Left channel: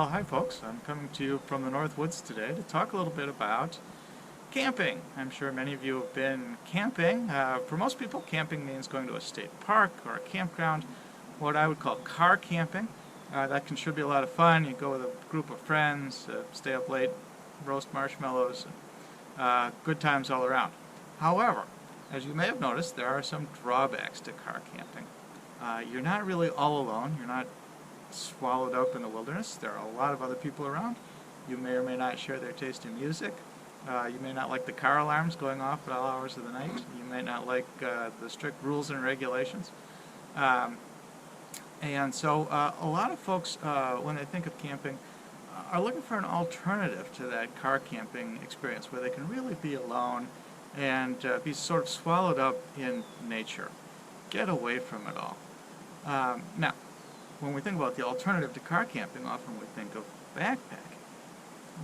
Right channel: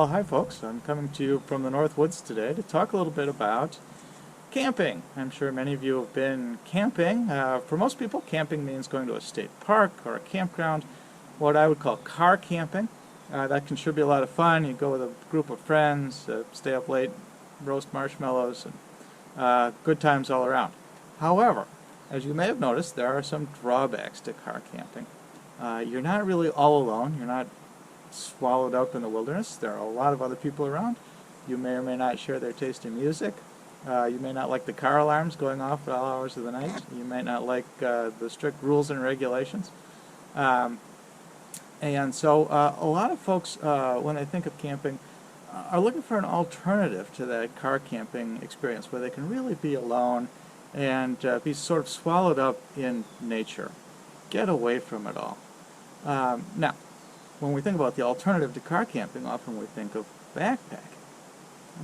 Well, hi folks. I'm coming to you from the North Woods today to talk a little bit about camping. I'm sure many of you have been camping. For most people, camping means going to a state park or a campground, what I would call car camping. That can sure be a lot of fun. You go with a group of friends, stay up late, roast marshmallows, and good times all around. However, as you may have noticed, there are some drawbacks to car camping. You're not really all alone. You're not swallowed up in the wilderness. There are a lot of other people around. You may or may not share their taste in music. You may not like the car alarms going off at all hours of the night. You may not like the strict rules and regulations. And so a lot of folks, when they think of camping, are looking for an alternative to that car camping experience where they can really be alone and be sort of swallowed up in nature. Get away from it all. Now, when we think about the alternative to car camping, often we think of backpacking.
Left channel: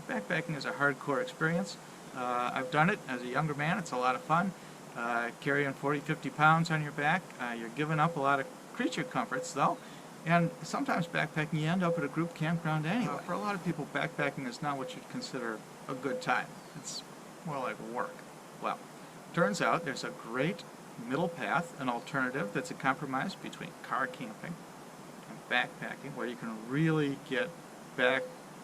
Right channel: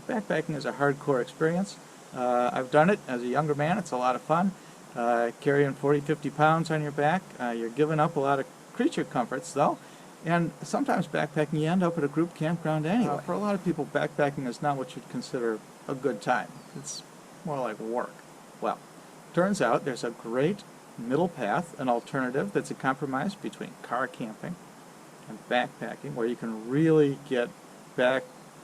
Backpacking is a hardcore experience. I've done it as a younger man. It's a lot of fun. Carrying 40, 50 pounds on your back. You're giving up a lot of creature comforts, though. And sometimes backpacking, you end up at a group campground anyway. For a lot of people, backpacking is not what you'd consider a good time. It's more like work. Well, turns out there's a great middle path, an alternative that's a compromise between car camping and backpacking, where you can really get back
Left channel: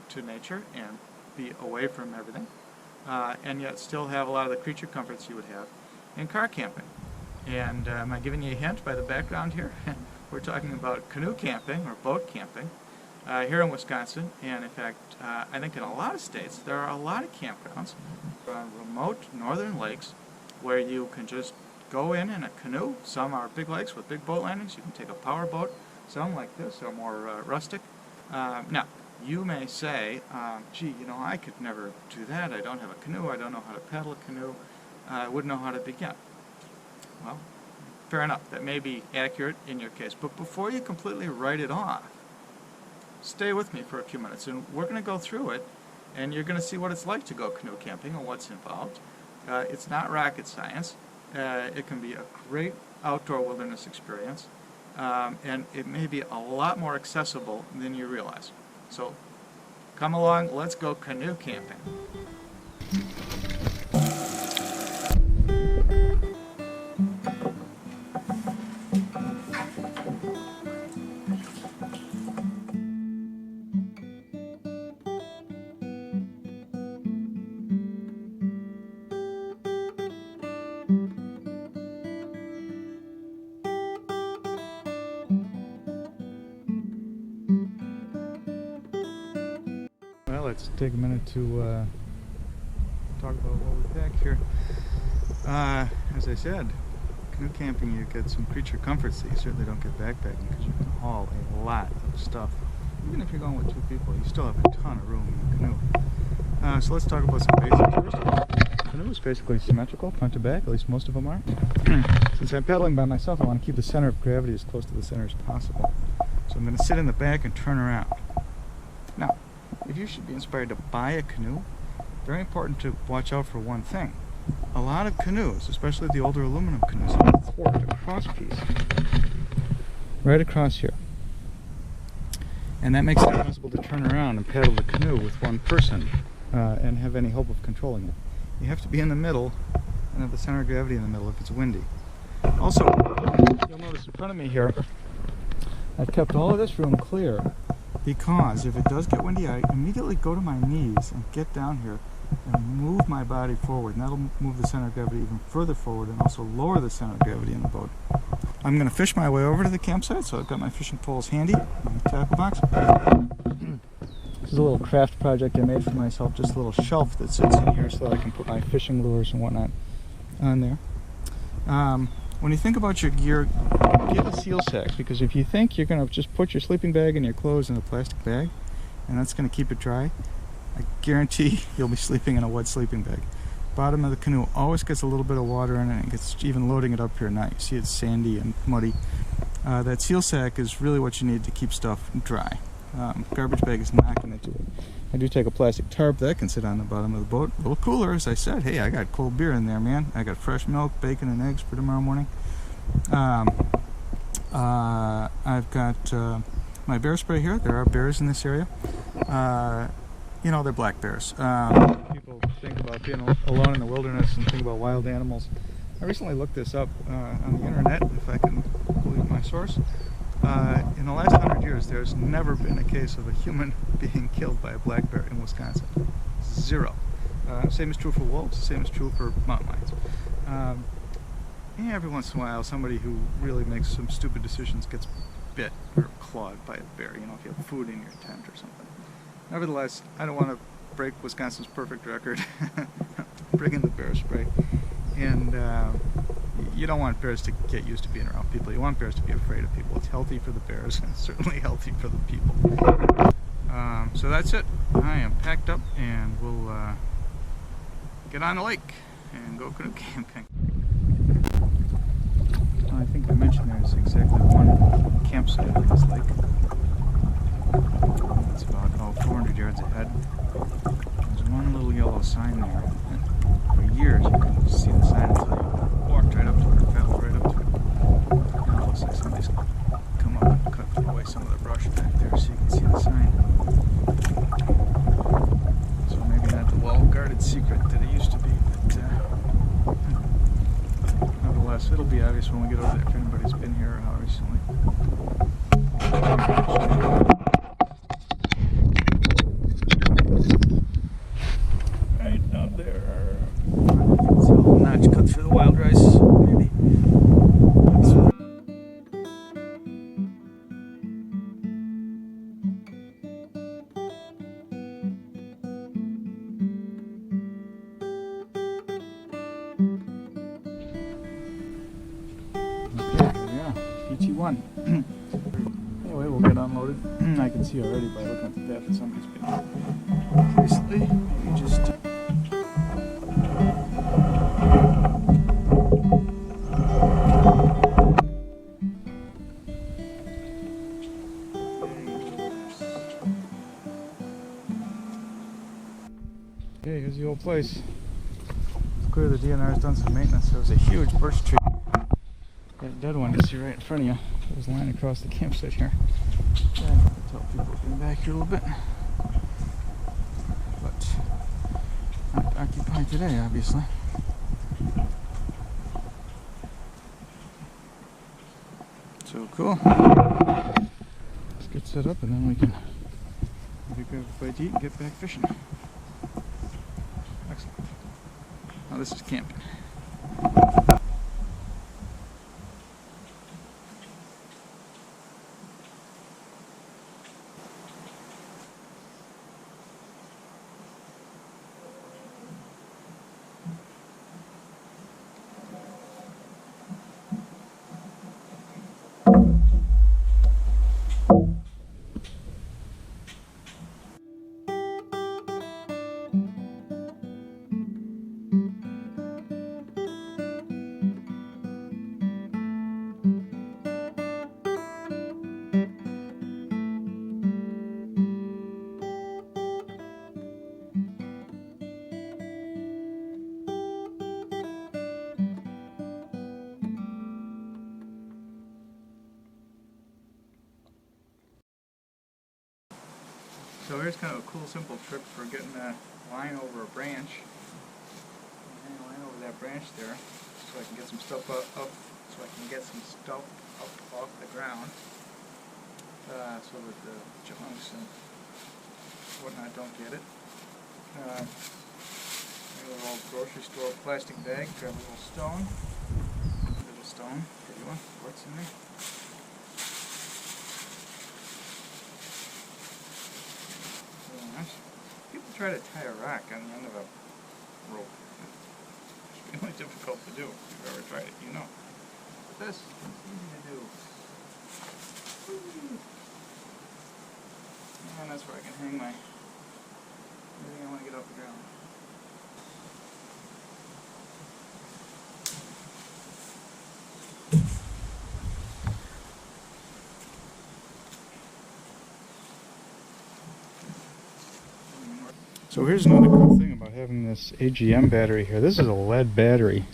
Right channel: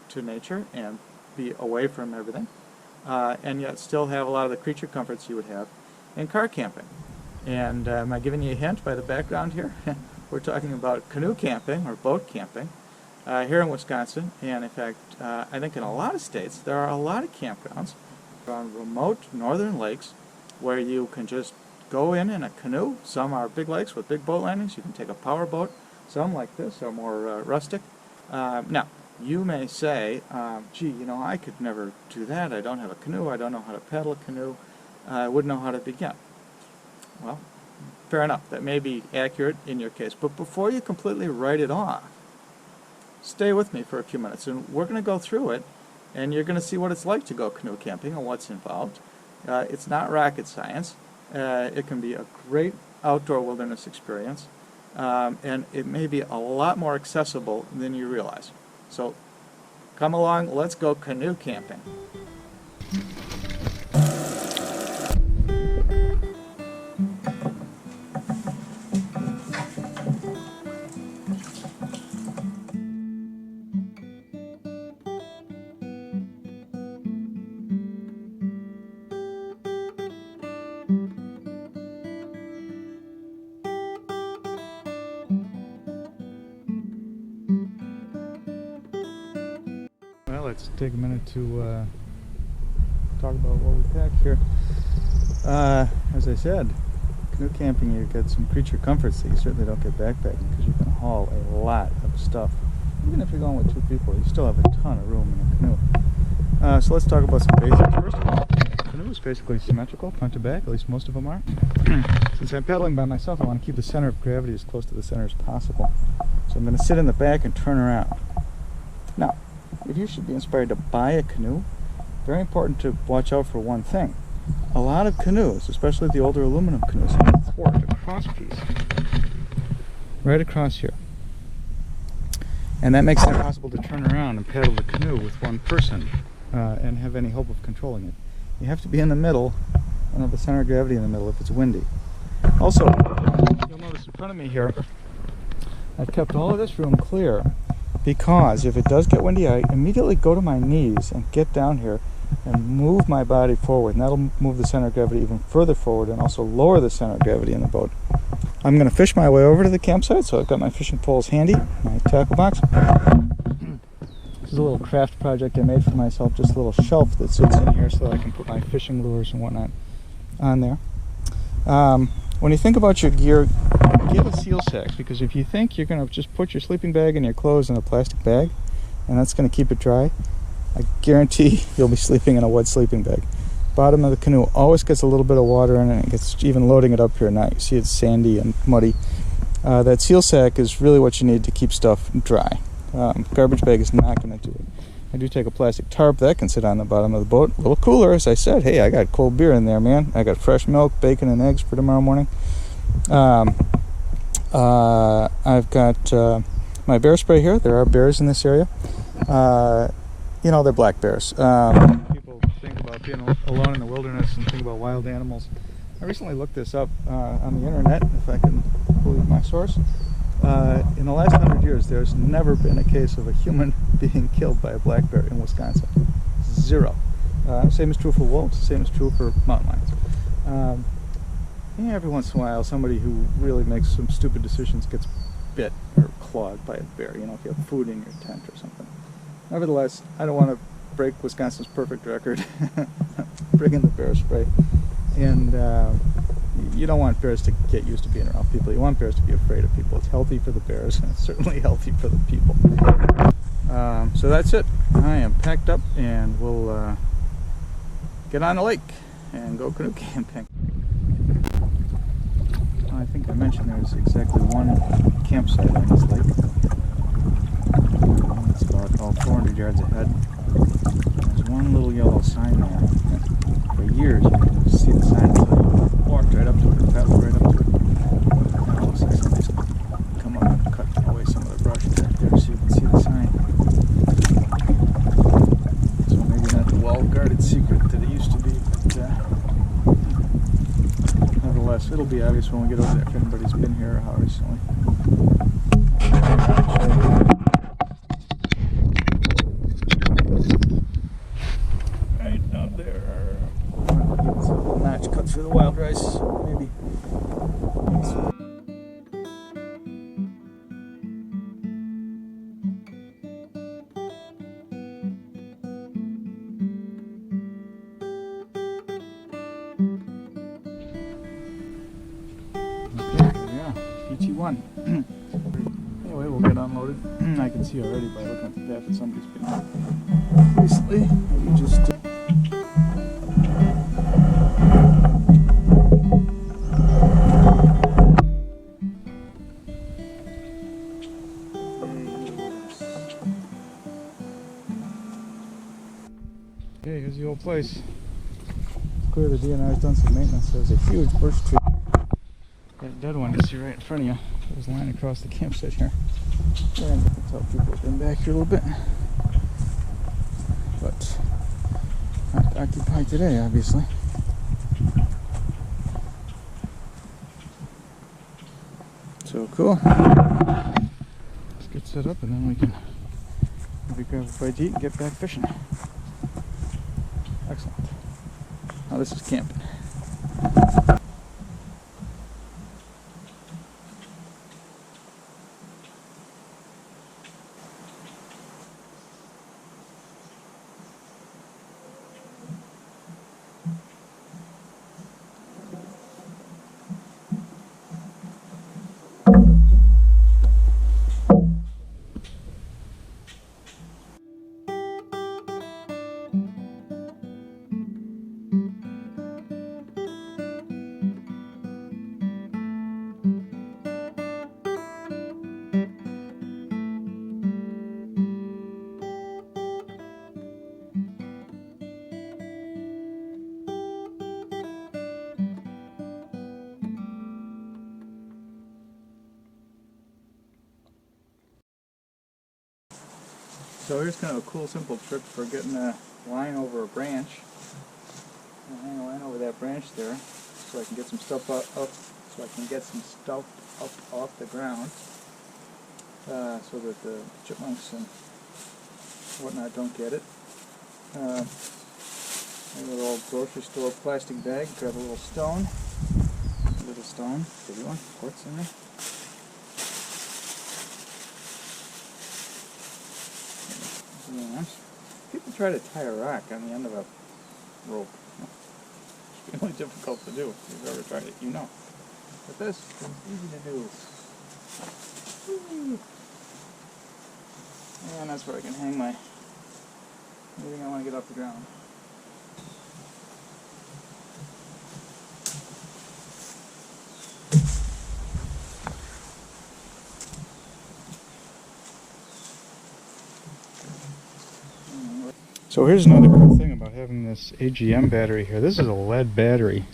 to nature and be away from everything, and yet still have a lot of the creature comforts you would have in car camping. And am I giving you a hint by the background here? We're talking about canoe camping or boat camping here in Wisconsin, and in fact, I think in a lot of states there are a lot of campgrounds around remote northern lakes where you can just go in a canoe. Some are big lakes with big boat landings. You can take a power boat. Some, like this, are more rustic. Now, you may say, gee, you know, I could never do that. I don't have a canoe. I don't know how to paddle a canoe. I wouldn't know how to begin. Well, fair enough. That may be accurate in your case. But before you completely write it off, stay with me for a few minutes, and we're going to go through it, and you're going to see what it's like to go canoe camping and what's involved. It's not rocket science. It can be a great outdoor wilderness experience. And it may be a lot more accessible than you realize. So come along, let's go canoe camping. Let's take a minute to talk about what we pack here. As I said, canoe camping, you get some creature comforts that you certainly don't get backpacking, because you can haul a lot of stuff. Even if you're going with two people, you still have a ton of room in a canoe. So let's talk about some basics. First of all, the canoe is basically symmetrical, front to back, at least most of them are. Since I'm paddling by myself, I want to keep the center of gravity as close to the center as possible. So I'm going to sit in the back and turn around. Now, if you should be inspired to buy a canoe, very important to watch out for one thing. A lot of canoes, especially the older aluminum canoes, have a thwart, a cross piece, right across here. And that makes it impossible to turn around and paddle the canoe with one person and have any hope of controlling it. You have to be in the middle and have the center of gravity in the middle if it's windy. Also, you'll notice in front of me here, I've kept all of this room clear, because if it does get windy, I immediately go to my knees and get down here and move my body forward, and that'll move the center of gravity even further forward and also lower the center of gravity in the boat. I'm going to fish my way over to the campsite, so I've got my fishing poles handy, my tackle box. This is a little craft project I made for myself, just a little shelf that sits in here so that I can put my fishing lures and whatnot on there. When you think about your gear, get a seal sack, because if you think you're going to just put your sleeping bag and your clothes in a plastic bag and that's going to keep it dry, I guarantee you'll be sleeping in a wet sleeping bag. Bottom of the canoe always gets a little bit of water in it, and it gets, even loading it up here now, you see it's sandy and muddy. That seal sack is really what you need to keep stuff dry. Garbage bag is not going to do it. I do take a plastic tarp that can sit on the bottom of the boat. A little cooler, as I said. Hey, I got cold beer in there, man. I got fresh milk, bacon, and eggs for tomorrow morning. I've got my bear spray here. There are bears in this area. You know, they're black bears. People think about being alone in the wilderness and think about wild animals. I recently looked this up on the internet, if I can believe my source. In the last 100 years, there's never been a case of a human being killed by a black bear in Wisconsin. Zero. Same is true for wolves, same is true for mountain lions. Yeah, every once in a while, somebody who really makes some stupid decisions gets bit or clawed by a bear, you know, if you have food in your tent or something. Nevertheless, I don't want to break Wisconsin's perfect record. Bring in the bear spray. And you don't want bears to get used to being around people. You want bears to be afraid of people. It's healthy for the bears, and it's certainly healthy for the people. So that's it. I am packed up, and we'll get on the lake and go canoe camping. I think I mentioned there's exactly one campsite on this lake. It's about 400 yards ahead. There's one little yellow sign there. For years you couldn't see the sign until you walked right up to it or paddled right up to it. Now it looks like somebody's come up and cut away some of the brush back there so you can see the sign. So maybe not the well-guarded secret that it used to be, but nevertheless, it'll be obvious when we get over there if anybody's been here or how recently. Right up there. You can see a little notch cut through the wild rice, maybe. PT1. Anyway, we'll get unloaded. I can see already by looking at the path that somebody's been here recently. Maybe just okay, here's the old place. It's clear the DNR's done some maintenance. There was a huge birch tree. That dead one you see right in front of you. It was lying across the campsite here. And you can tell people have been back here a little bit. But not occupied today, obviously. So cool. Let's get set up and then we can maybe grab a bite to eat and get back fishing. Excellent. Now this is camping. So here's kind of a cool, simple trick for getting a line over a branch. I hang a line over that branch there, so I can get some stuff up so I can get some stuff up off the ground, so that the chipmunks and whatnot don't get it. Maybe a little grocery store plastic bag. Grab a little stone, pretty one, quartz in there. People try to tie a rock on the end of a rope. It's really difficult to do. If you've ever tried it, you know. But this is easy to do. Whee! And that's where I can hang my everything I want to get off the ground. So here's another cool thing about having this AGM battery here. This is a lead battery.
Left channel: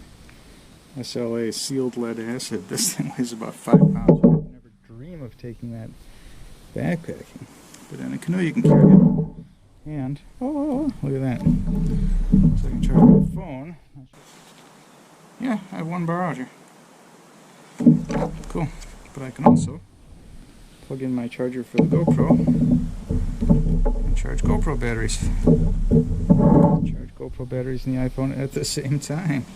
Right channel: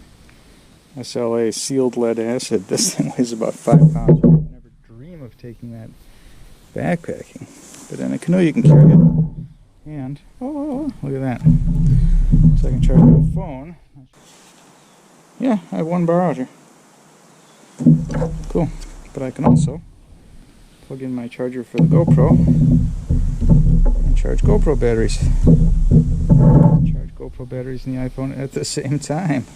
SLA, sealed lead acid. This thing weighs about 5 pounds. You would never dream of taking that backpacking. But in a canoe you can carry it. And, oh, look at that. So I can charge my phone. Yeah, I have one bar out here. Cool. But I can also plug in my charger for the GoPro and charge GoPro batteries. Charge GoPro batteries in the iPhone at the same time.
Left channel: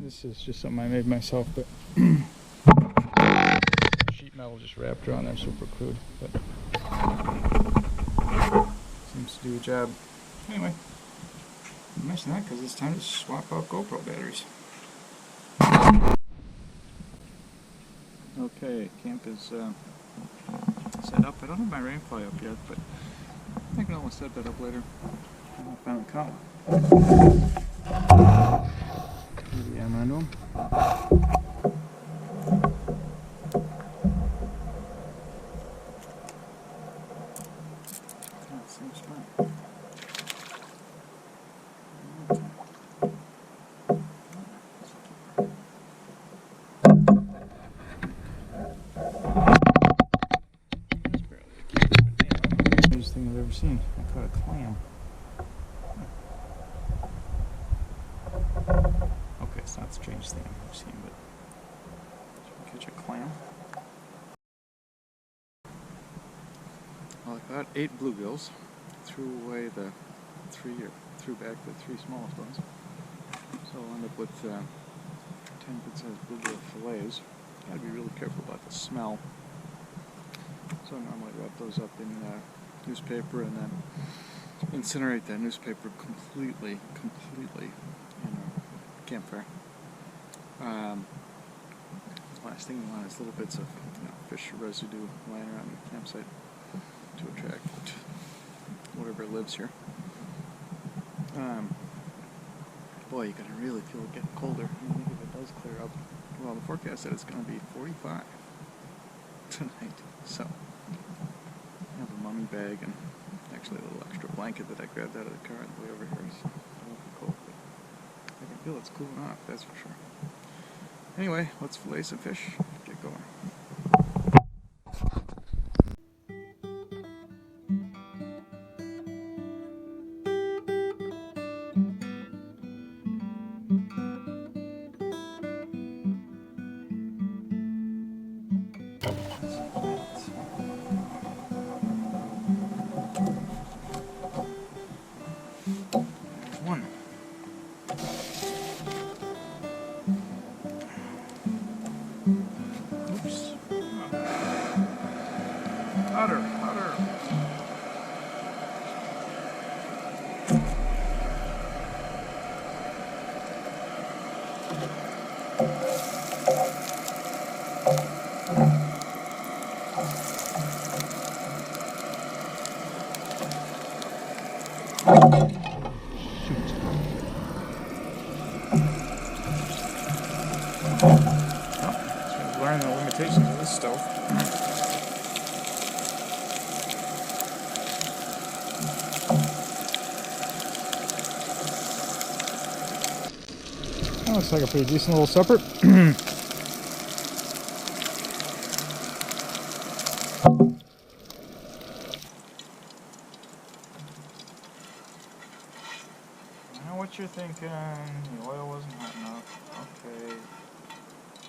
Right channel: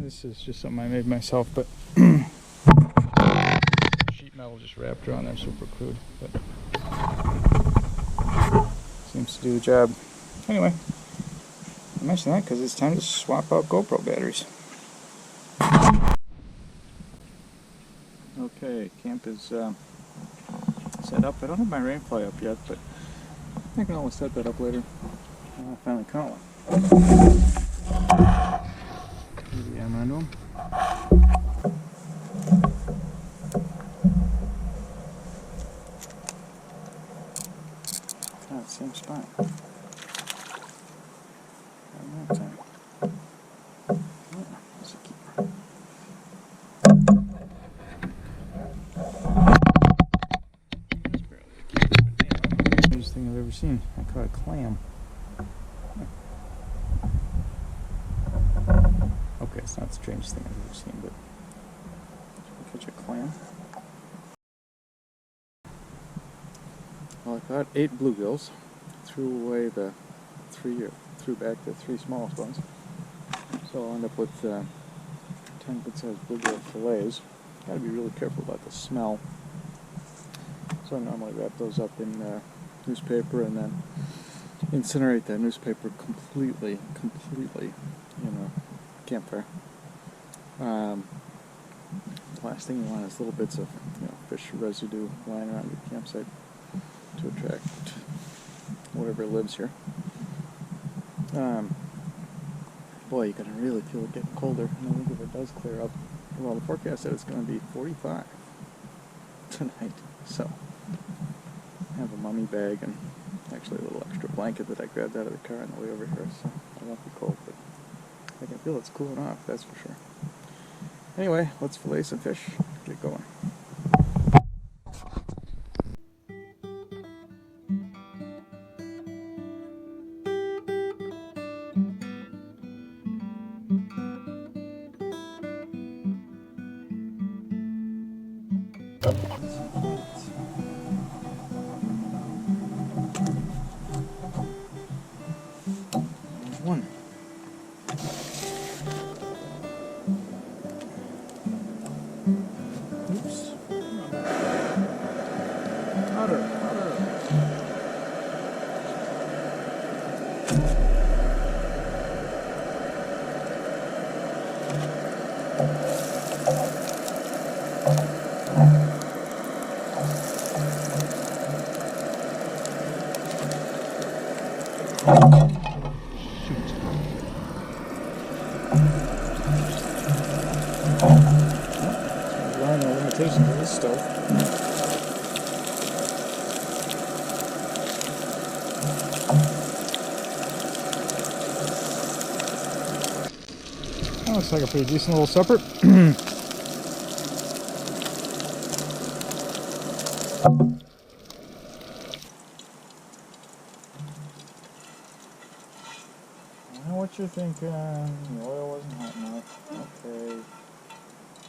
This is just something I made myself, but sheet metal just wrapped around there, super crude, but seems to do the job. Anyway, I mention that because it's time to swap out GoPro batteries. Okay, camp is set up. I don't have my rainfly up yet, but I can always set that up later when I finally caught one. Maybe I'm on them. Same spot. Around that time. Oh, that's a keeper. That's barely a keeper, but anyway. Strangest thing I've ever seen. I caught a clam. Okay, it's not the strangest thing I've ever seen, but should we catch a clam? Well, I caught 8 bluegills. Threw away the 3, or threw back the 3 smallest ones. So I'll end up with 10 good-sized bluegill fillets. Got to be really careful about the smell. So I normally wrap those up in newspaper and then incinerate that newspaper completely in a campfire. The last thing you want is little bits of fish residue lying around your campsite to attract whatever lives here. Boy, you're going to really feel it getting colder, and I think if it does clear up, well, the forecast said it's going to be 45 tonight, so I have a mummy bag and actually a little extra blanket that I grabbed out of the car on the way over here, so I won't be cold, but I can feel it's cooling off, that's for sure. Anyway, let's fillet some fish, get going. There's one. Oops. Otter. Learn the limitations of this stove. That looks like a pretty decent little supper. I know what you're thinking. The oil wasn't hot enough. Okay.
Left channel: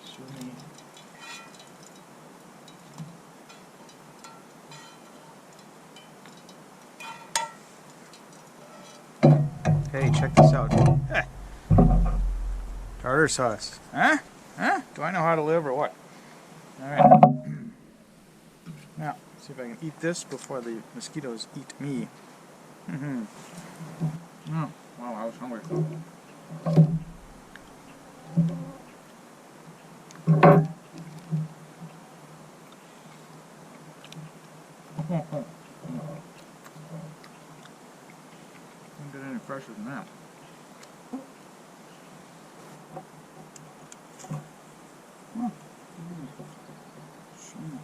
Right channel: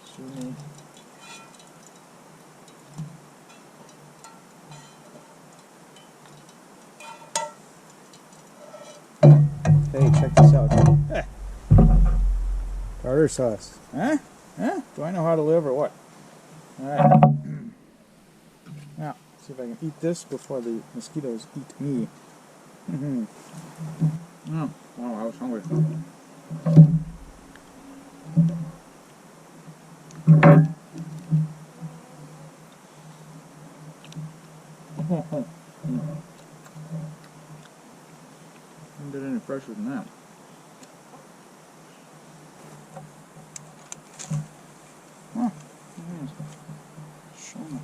Sue me. Hey, check this out. Tartar sauce. Huh? Do I know how to live or what? Alright. Now, see if I can eat this before the mosquitoes eat me. Oh, wow, I was hungry. Couldn't get any fresher than that. Oh, sure enough.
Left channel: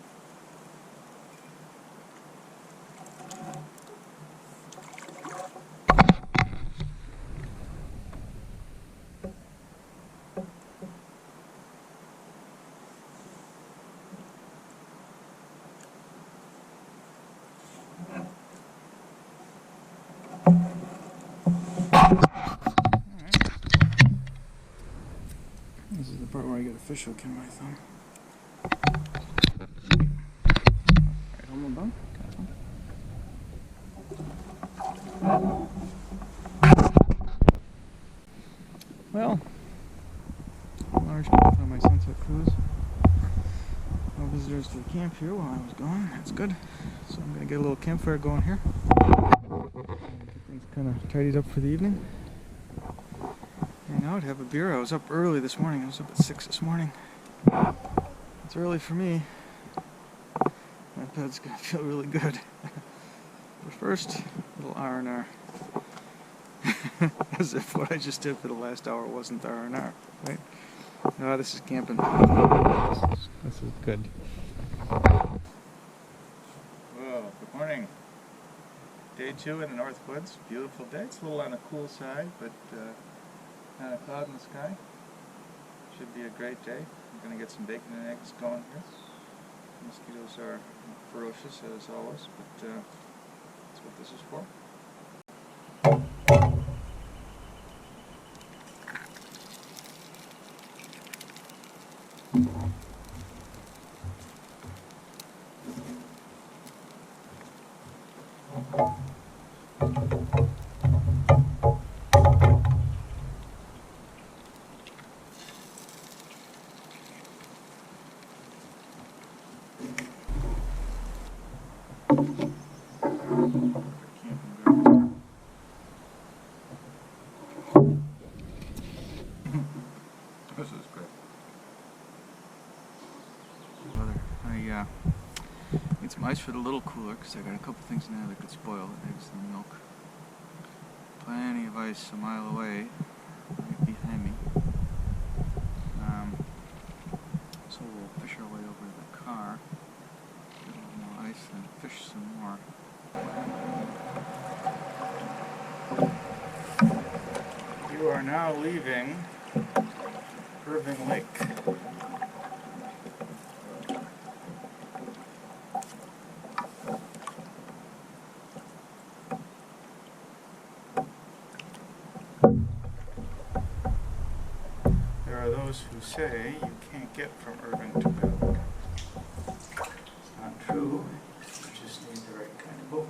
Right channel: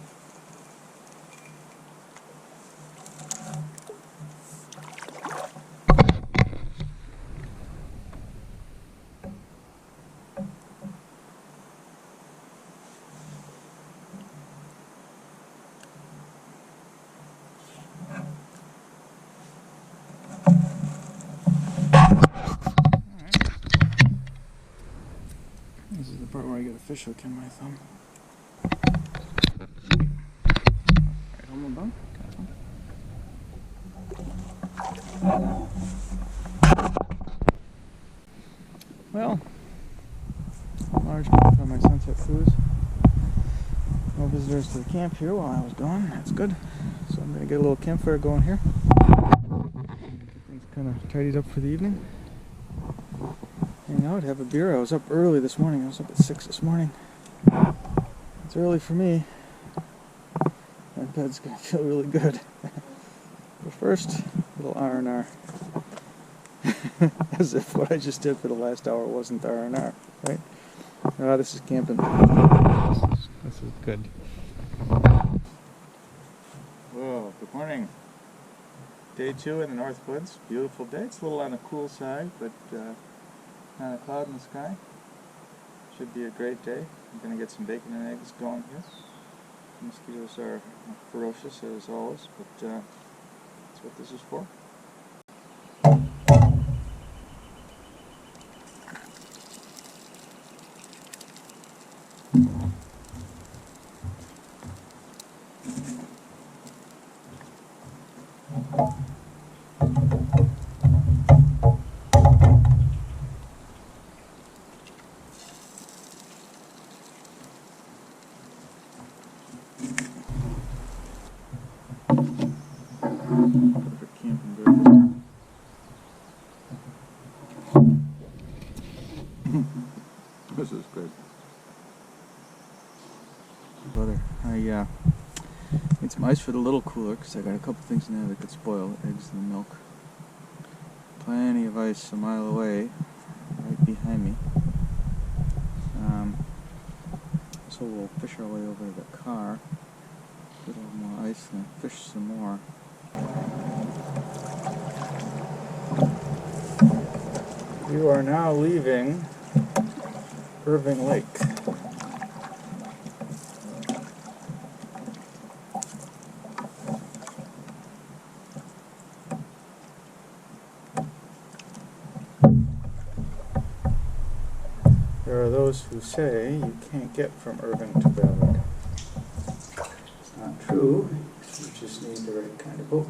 part where I get a fish hook in my thumb. Right on the bunk. Well, a large mouth on my sunset cruise. No visitors to the camp here while I was gone. That's good. So I'm going to get a little campfire going here. Get things kind of tidied up for the evening. And I would have a beer. I was up early this morning. I was up at 6 this morning. It's early for me. My bed's going to feel really good. But first, a little R&R. As if what I just did for the last hour wasn't R&R, right? Oh, this is camping. This is good. Whoa, good morning. Day 2 in the North Woods. Beautiful day. It's a little on the cool side, but not a cloud in the sky. Should be a great day. I'm going to get some bacon and eggs going here. Mosquitoes are ferocious as always, but that's what this is for. Perfect camping breakfast. This is good. Brother, I made some ice for the little cooler because I got a couple things in there that could spoil, eggs and the milk. Plenty of ice a mile away, right behind me. So we'll fish our way over to the car, get a little more ice, and then fish some more. You are now leaving Irving Lake. There are those who say you can't get from Irving to Ballard. It's not true. You just need the right kind of boat.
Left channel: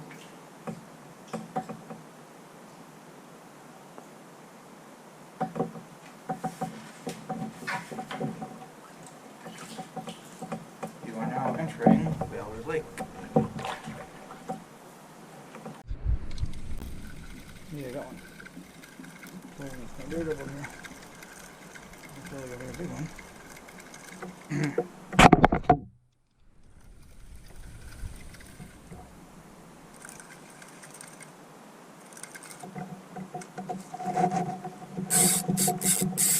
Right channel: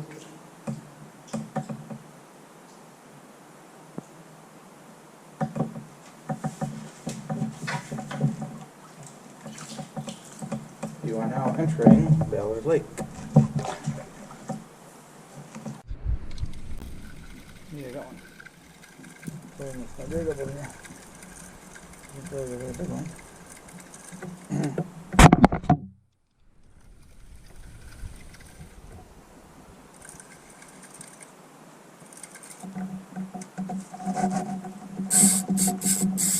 You are now entering Ballard Lake. Yeah, got one. Pulling my dirt over here. I feel like a very big one.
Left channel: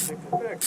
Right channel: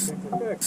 Take that back.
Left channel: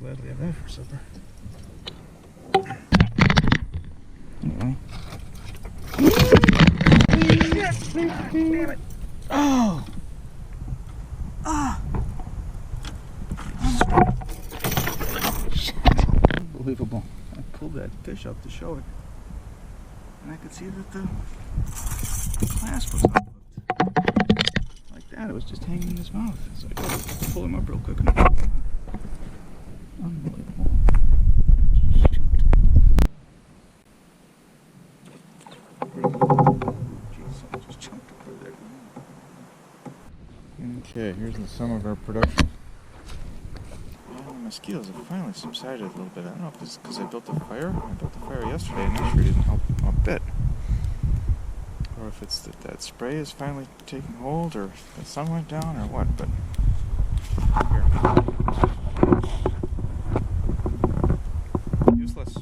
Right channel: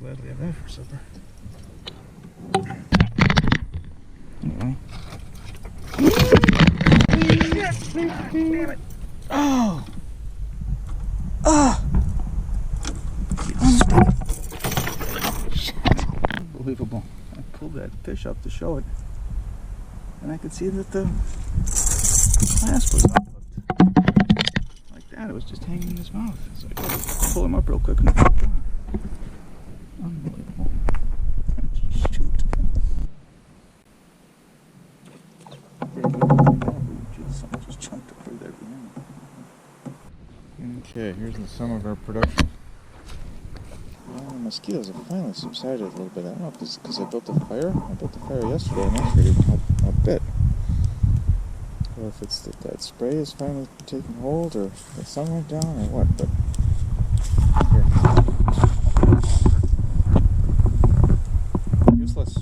Glad we have that for supper. Anyway. Damn it! Oh! Shit! Unbelievable. I pulled that fish up to show it, and I could see that the clasp was unhooked. Like that, it was just hanging in his mouth. So I tried to pull him up real quick and it popped off. Unbelievable. Shoot. Pretty good. Look at that. Ooh, geez, something just jumped over there behind me. Okay, here's the sum of our production. Yeah, the mosquitoes have finally subsided a little bit. I don't know if this is because I built a fire. I built the fire yesterday and that sure didn't help a bit. Or if it's that spray is finally taking hold, or the sun went down, or what, but here. Useless.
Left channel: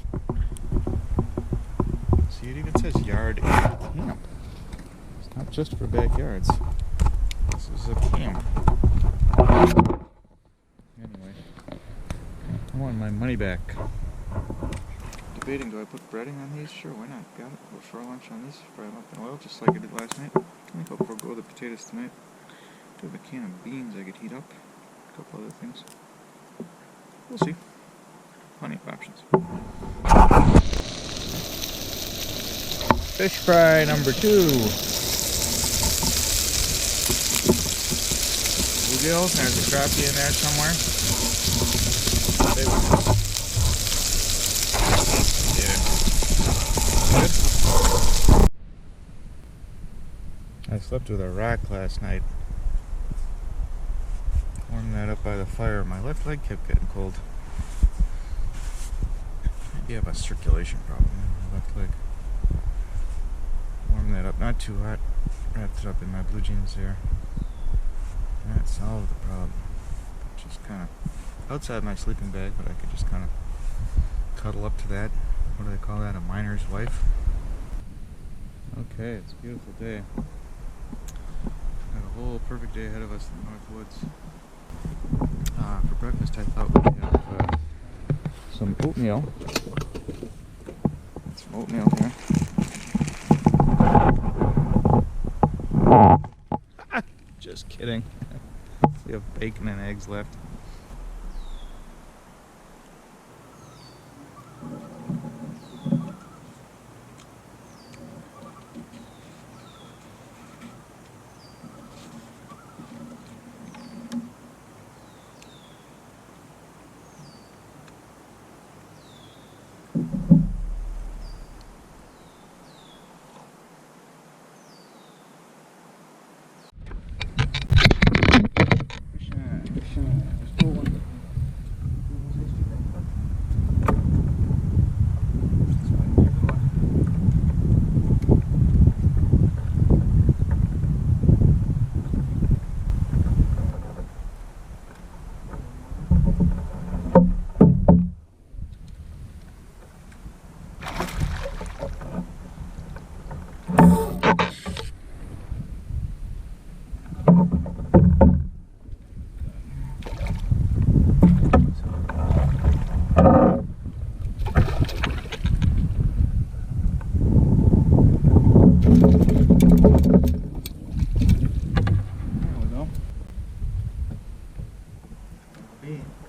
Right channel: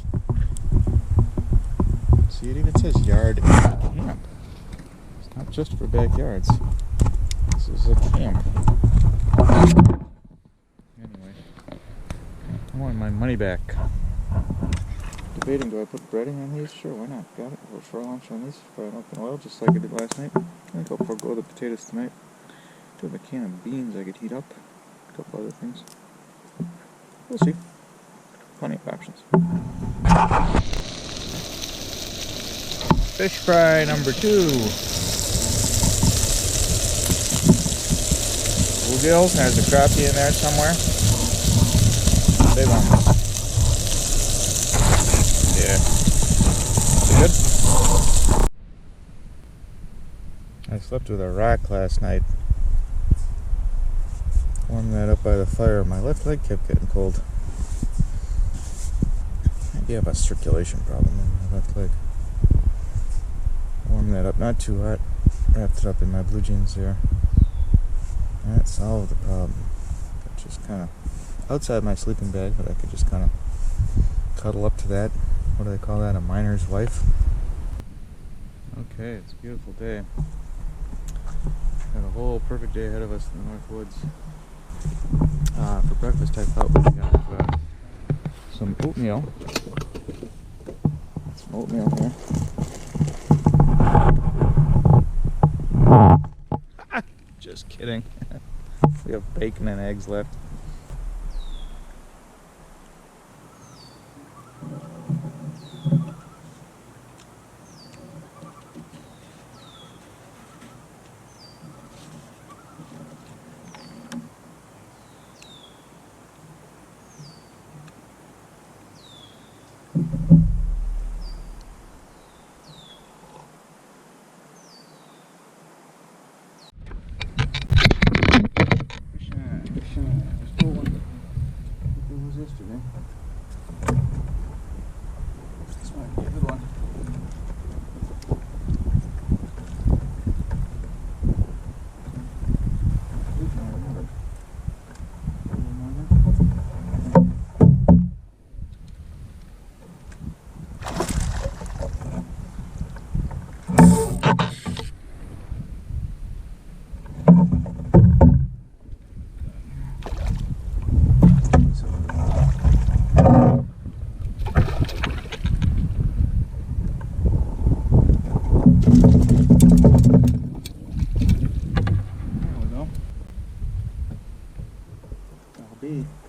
See, it even says yard and camp. It's not just for backyards. This This is a camp. Anyway, I want my money back. Debating, do I put breading on these? Sure, why not? Got it. A little shore lunch on these. Fry them up in oil, just like I did last night. I think I'll forego the potatoes tonight. Do have a can of beans I could heat up. A couple other things. We'll see. Plenty of options. Fish fry number 2. Bluegills. There's a crappie in there somewhere. Big ones. Yeah. Are they good? I slept with a rock last night. Warmed that up by the fire. My left leg kept getting cold. Maybe I have a circulation problem in my left leg. Warmed that up, not too hot. Wrapped it up in my blue jeans there. That solved the problem. But just kind of outside my sleeping bag, but I could just kind of cuddle up to that. What do they call that? A miner's wife? Okay, it's a beautiful day. Got a whole perfect day ahead of us in the North Woods. For breakfast, I thought we'd have some oatmeal. Got some oatmeal here. Just kidding. We have bacon and eggs left.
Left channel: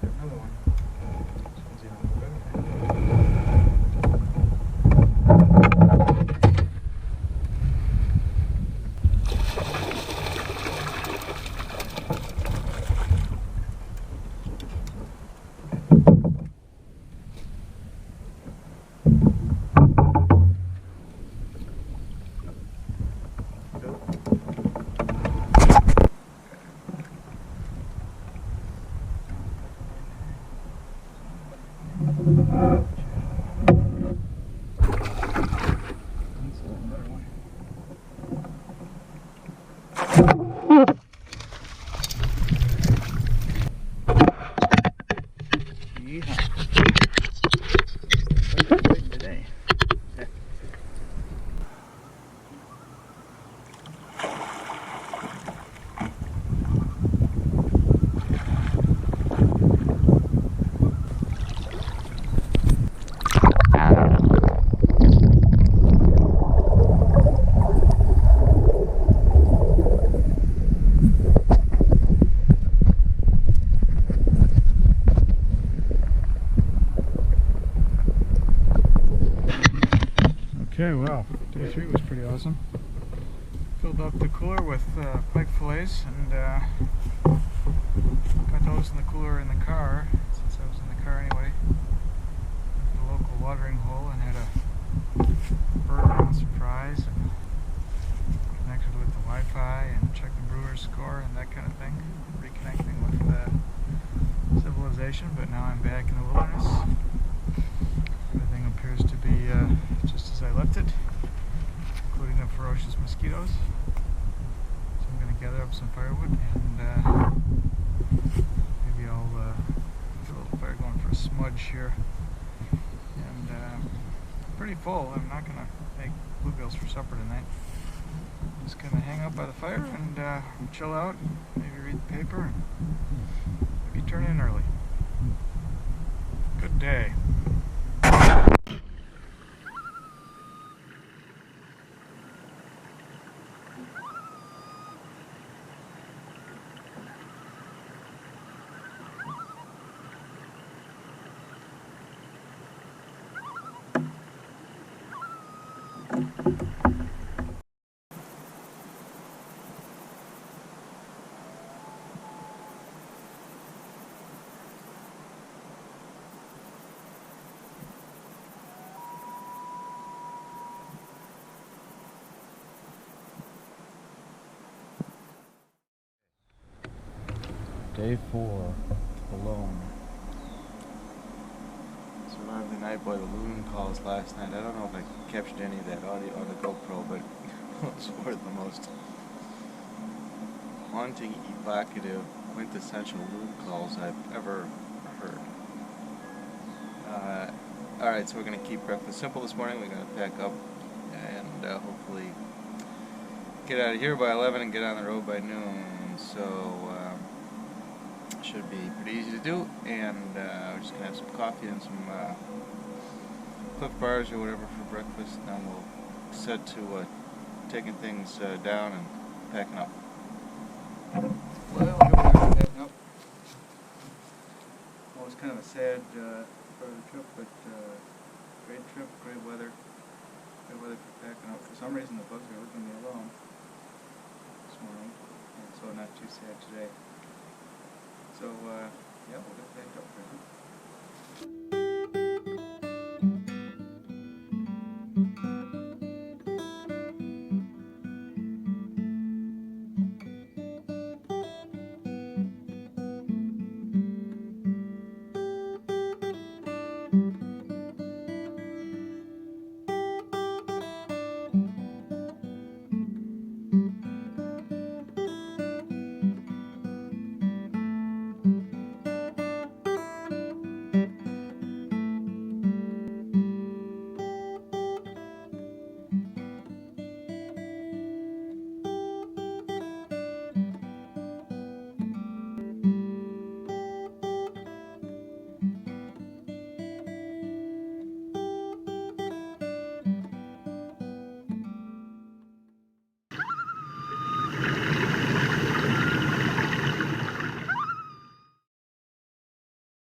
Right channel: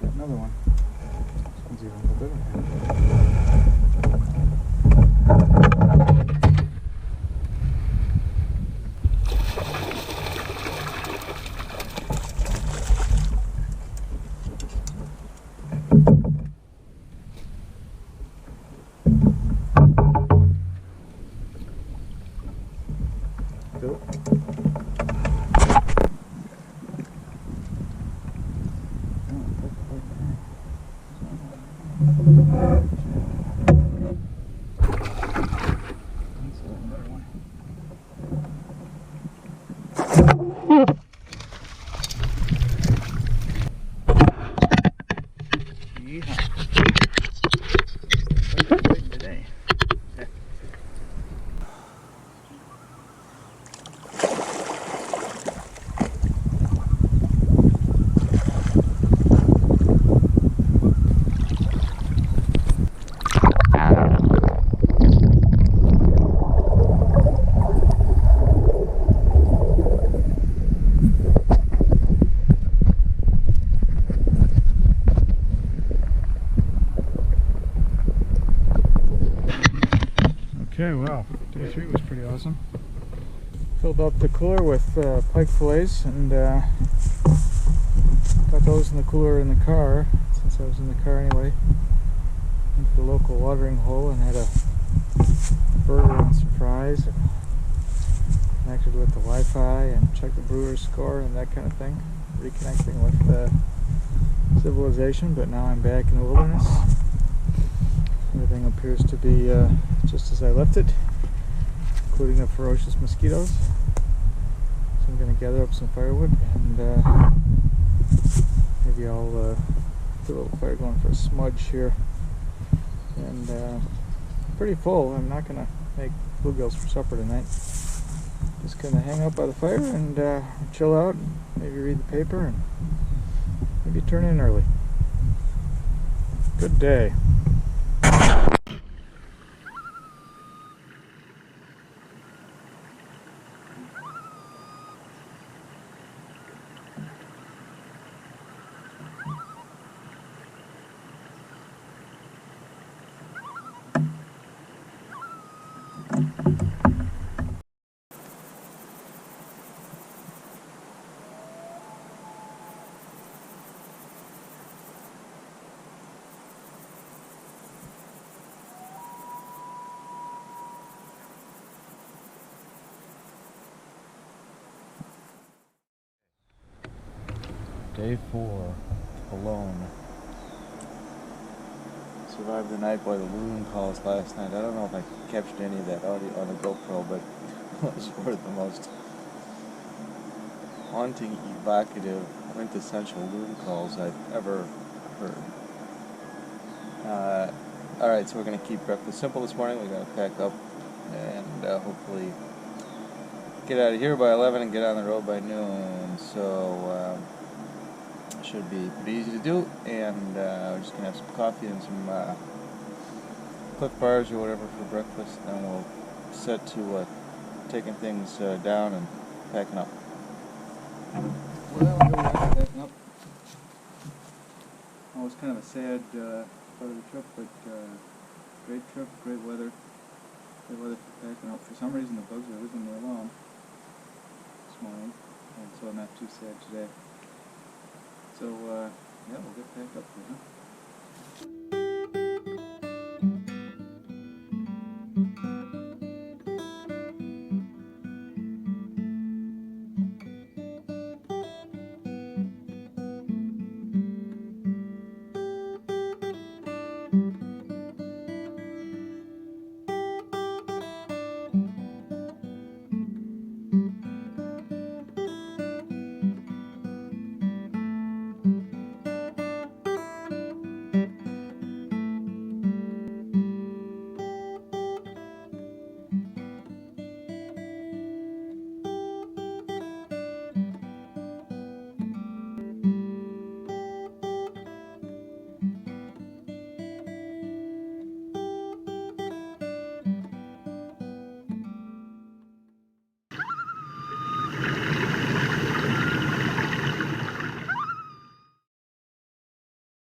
Got another one. This one's even a little bigger. Cool. Okay, well, day 3 was pretty awesome. Filled up the cooler with pike fillets and got those in the cooler in the car, since I was in the car anyway. Went to the local watering hole and had a burger and some fries and connected with the Wi-Fi and checked the brewer's score and that kind of thing. Reconnecting with civilization, but now I'm back in the wilderness. Everything appears to be just as I left it, including the ferocious mosquitoes. So I'm going to gather up some firewood and maybe I'll get a little fire going for a smudge here. And pretty full. I'm not going to make bluegills for supper tonight. Just gonna hang out by the fire and chill out, and maybe read the paper, and maybe turn in early. Good day. Day 4, alone. Survived the night. Boy, the loon calls last night. I don't know if I captured any of that audio on the GoPro, but it was one of the most haunting, evocative, quintessential loon calls I've ever heard. Alright, so we're going to keep breakfast simple this morning. We're going to pack up and hopefully get out of here by 11 and get on the road by noon. So, should be pretty easy to do, and we're just going to have some coffee and some Cliff Bars or whatever for breakfast, and then we'll set to taking things down and packing up. Well, here we are packing up. Always kind of a sad part of the trip, but great trip, great weather for packing up. For some reason the bugs are leaving me alone this morning, and so not too sad today. So, yeah, we'll get packed up here, huh?